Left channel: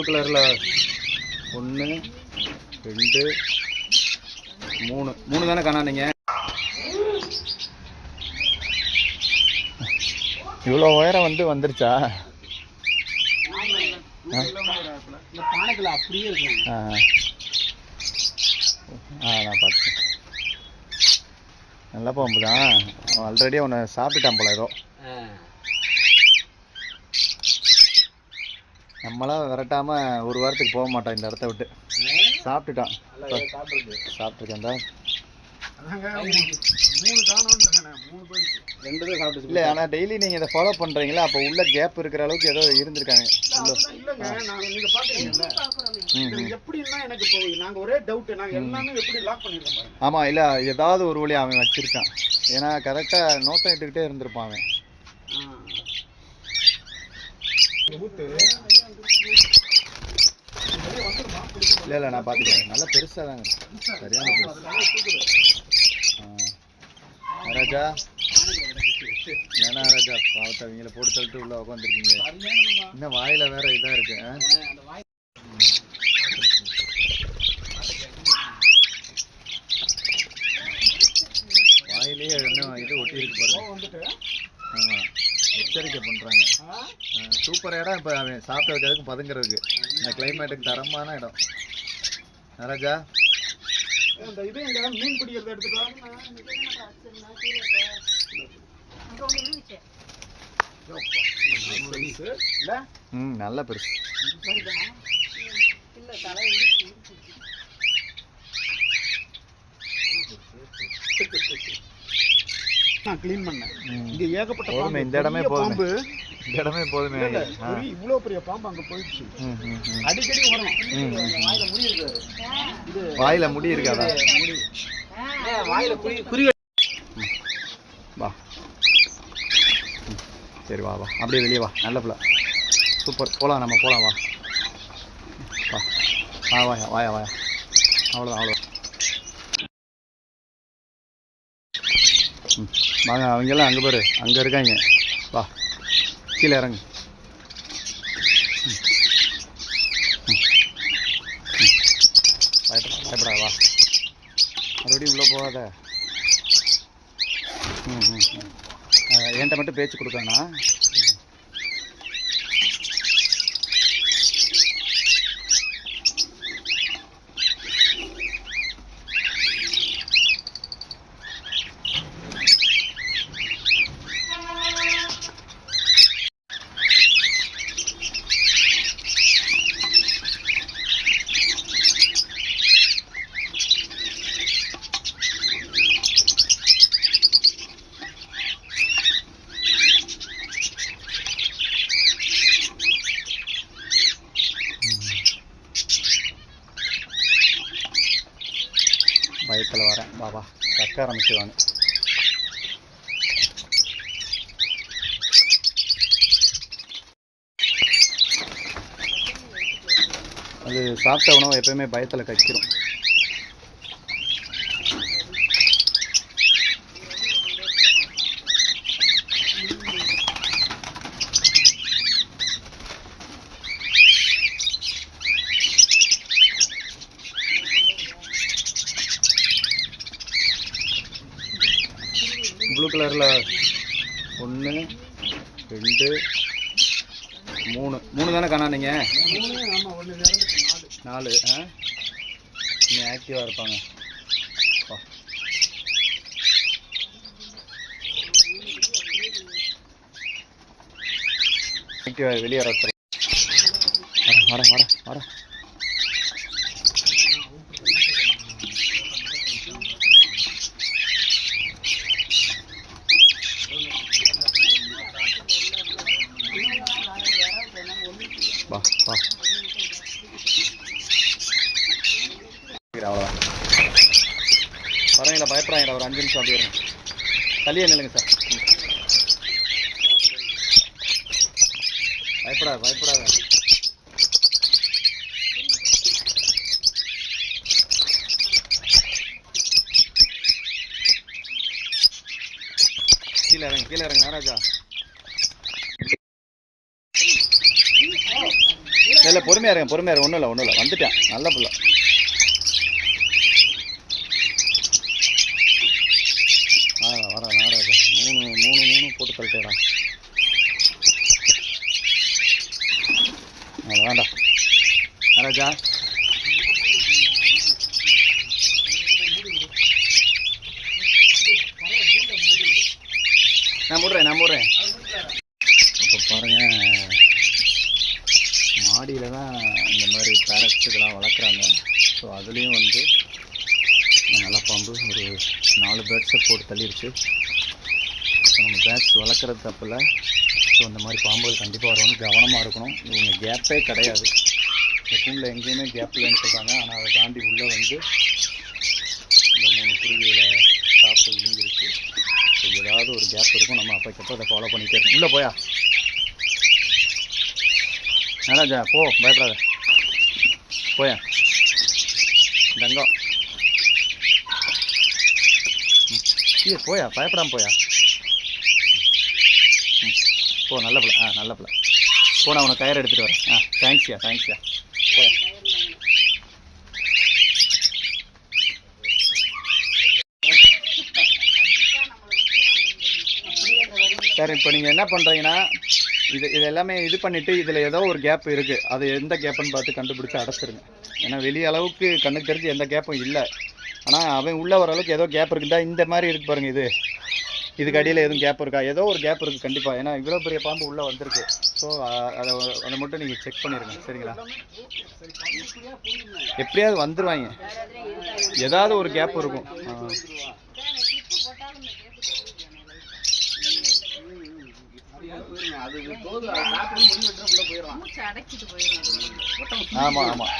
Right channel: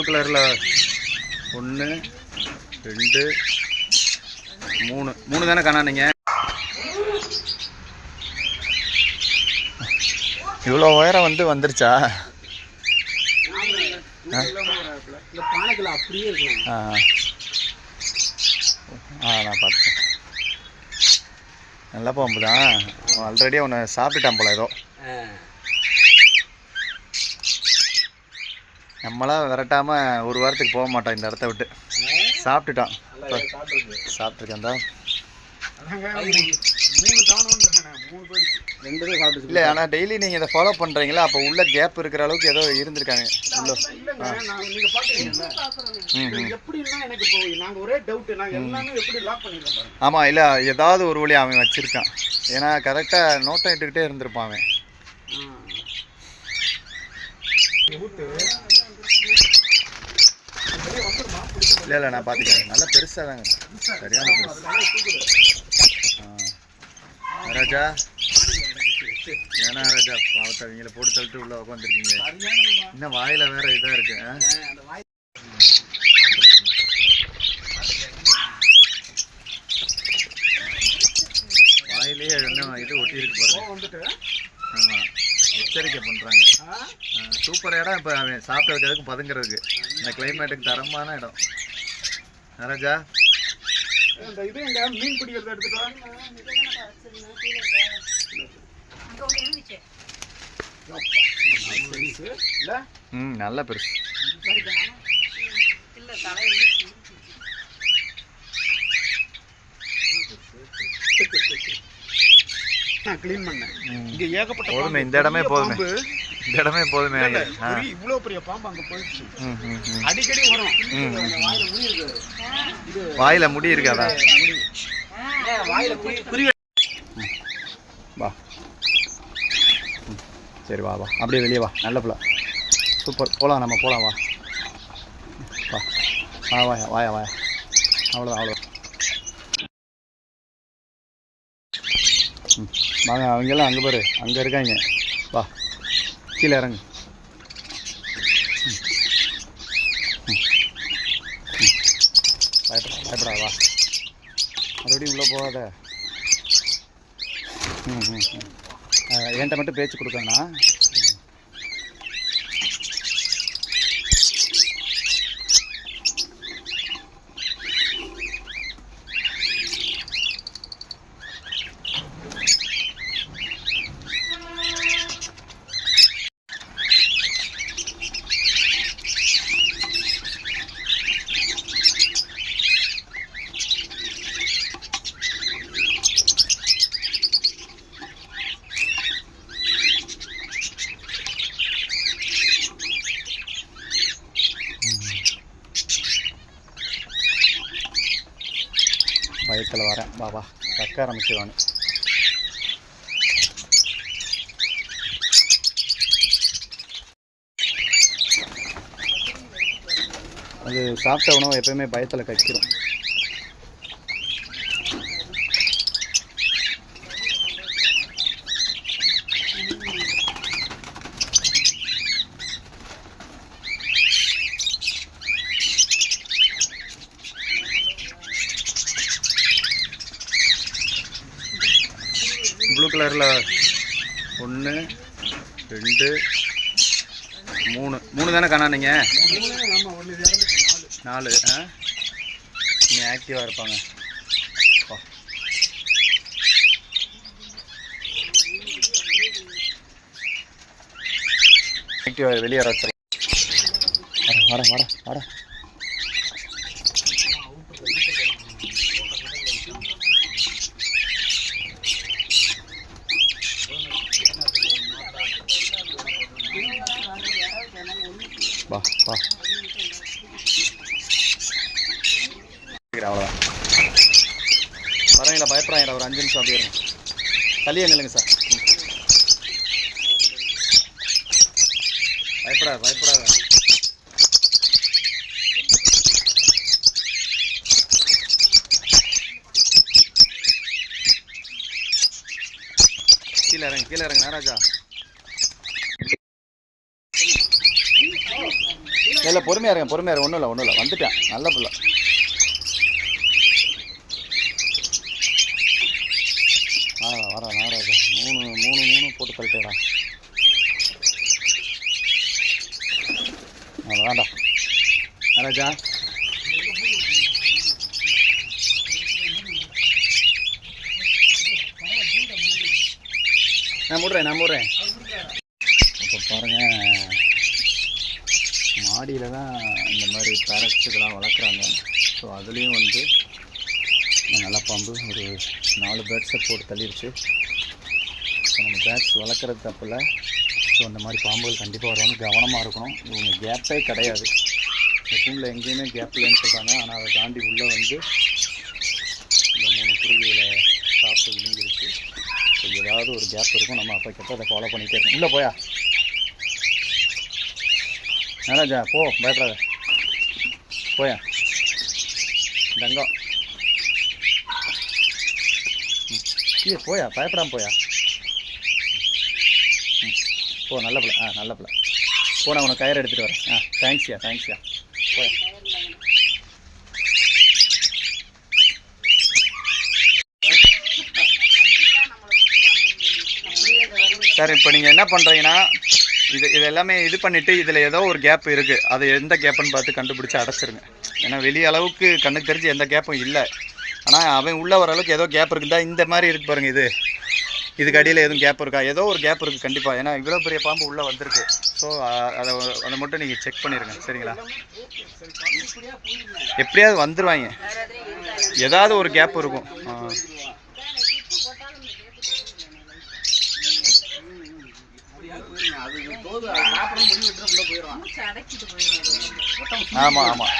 Blue கலரில் 1 2 3 தானே காணானீங்க. இவ்வளோ உயரம் வந்துருச்சா? நான் பார்த்துட்டேன். நல்ல பாம்பு தான். ஆல்ரெடி அவனை சாப்பிட்டுட்டான் போல ஏதோ. நம்மளாம் விரட்டாமல் ஒரு வாரத்துக்கு போக மாட்டோம் இந்த இடத்த விட்டு. சாப்பிட்டுட்டான். சாப்பிட்ருக்கேன் தான். இல்லை, ஆனால் டெய்லி நீங்கள் இதை ஃபாலோ பண்ணுறீங்களா? அப்போ உள்ள கேப் இருக்கிற அளவுக்கு ஏதோ இருந்திருக்காங்க உள்ள. ஆமாம், இல்லை ஏதாவது ஒரு வழி அவன் வச்சுருக்கான். ஏன்னா கரெக்டாக நோட்டம் இட்டுக்கிட்டே இருந்திருப்பான் அவன். இல்லை நான் பார்த்துக்கேன். நல்லா பெருசாக தாங்க, சரியான பெருசு. ராஜா ஏன்னா ராஜா பாவத்தை அவங்கள போட்டு தள்ளிட்டு உள்ள உட்காந்துருக்கீங்க. இன்னும் வாயில வேற இதா இருக்கு. வாயிலே இன்னும் இது ஒட்டி இருக்கு பாருங்க. ஆமா, எச்சரிக்கை பண்றாங்க. சூப்பர் இடம். இப்போ அவன் சாப்பிட்றதுக்கு பதுங்கிறதுக்கு இந்த கிளைமேட்டுக்கு தரமான இடம். ராஜா மீன் பிடிக்கிறத எடுத்துட்டு நல்ல பெருசு. கிளீன் பண்ணேன். இங்க ஏகப்பட்ட போதுமே, இந்த இடமே போதுமே, இந்த இடமே போதுமே. இவ்வளோ பெரிய பாம்பு அங்கே போயிடுச்சு. அடிக்கடி வரும். வாயில முடி இருக்காதா? வா, சரி வா வா, அப்படியே வெளியே வா. நல்ல பிள்ளை, சூப்பர். போகலாம், நம்ம போகலாம். வா வா வா வாயா வாயா வாயா. அவ்வளோதான் அவ்வளோ. வாங்க, அவங்கெல்லாம் அங்கே பாரு, அங்கே இருக்காங்க. வா, கீழே இறங்கு. பயப்படாத வா, மறுபடியும் உள்ளே போகாத. என்கிட்ட மட்டும் பேச்சு கொடுக்கணா? பயத்தில் வரேன். பாபா கக்க ஆரம்பிச்சிடுவானு. அது சாப்பிட்ட உணவு எப்பயுமே பயத்தில் கக்கிரும். ப்ளூ கலரில் 1 2 3 தானே காணானீங்க. 4 இன்னும் ஆக்டிவாக இருப்பாங்க. ஆக்டிவாக வெளியே வர வர வர வர வர. வா வா, அவ்வளோதான். பரவாயில்ல, பயப்படாங்க. ஒரு 5 நிமிஷம் அப்படியே இருங்க. தள்ளியே நில்லுங்க சார். பயப்படாத பயப்படாத. கீழே இறங்க நாராஜா. இல்லை பொறுமையாக இருங்க ஒன்றும் இல்லை வந்துட்டேன் நல்ல பிள்ளை. வரா நாராஜா 3 போட்டு கழட்டேடா. வேண்டா நாராஜா. நான் மூடுறேன். இப்போ பாருங்கள், மாடியில் தான் இந்த மாதிரி பேரட்ஸ் இதெல்லாம் வளர்க்குறாங்க. ஸோ அதுலேயும் வந்து நல்லா பாம்பு ஒரு 4 பேர்ட்ஸை போட்டு தள்ளிடுச்சு. ஸோ நம்ம பேர்ட்ஸ் வளர்க்குறது தப்பில்ல. ஸோ அந்த மாதிரி பாம்புகள் கண்டிப்பாக வருவாங்க, கவனமாக இருக்கணும். இவங்க கேப்பே கிடையாது, இந்த கூண்டில் எங்கேயுமே கேப் இல்லைன்னு சொல்கிறாங்க. ஆனால் அதை தாண்டி உள்ளே வந்து இந்த 3 குருவிகளை சாப்பிட்டு விழுங்கிருச்சு. ஸோ ஏதாவது ஒரு கேப் இருக்கும், நம்ம அப்போக்கப்போ அதை ஃபாலோ பண்ணிகிட்டே இருக்கணும். உள்ளே போயா நாராஜா, போ, பயப்படாத, போயா தங்கம். போயா, பயப்படாமல் போயா. போ, நல்ல பிள்ளை. நல்ல பிள்ளை. போ, நான் உனக்கு கயிறு எடுத்துகிட்டு வரேன். தேங்க்ஸ்யா போயா. சார், இப்போ நீங்கள் என்ன பண்ணுறீங்கன்னா, இது எல்லாமே இது பண்ணிவிட்டு இதில் ஏதோ ஒரு கேப் இருக்குது, அது எந்த கேப்புன்னு பார்த்து கண்டுபிடிச்சி அடைச்சிருங்க. ஏன்னா வெளியே அளவுக்கு கண்ணுக்கு தெரிஞ்சு எந்த கேப்பும் இல்லை. ஆனால் அவன் உள்ளே வர அளவுக்கு ஏதோ கேப் இருக்குதா, இந்த மாதிரி இருக்குது பாருங்கள். இதுக்கு அடியில் எதுவும் கேப் இருக்கா, ஏதோ ஒரு கேப் இருக்குது கண்டிப்பாக. ஏன்னா இவ்வளோ பெரிய பாம்பு உள்ளே வந்திருக்கு. ஸோ அதை மட்டும் நீங்கள் செக் பண்ணிடுங்க, சரிங்களா? எப்படியாவது வந்துடுவாங்க, ஏதாவது ஒரு கேப் இருக்கும். ஆமாம்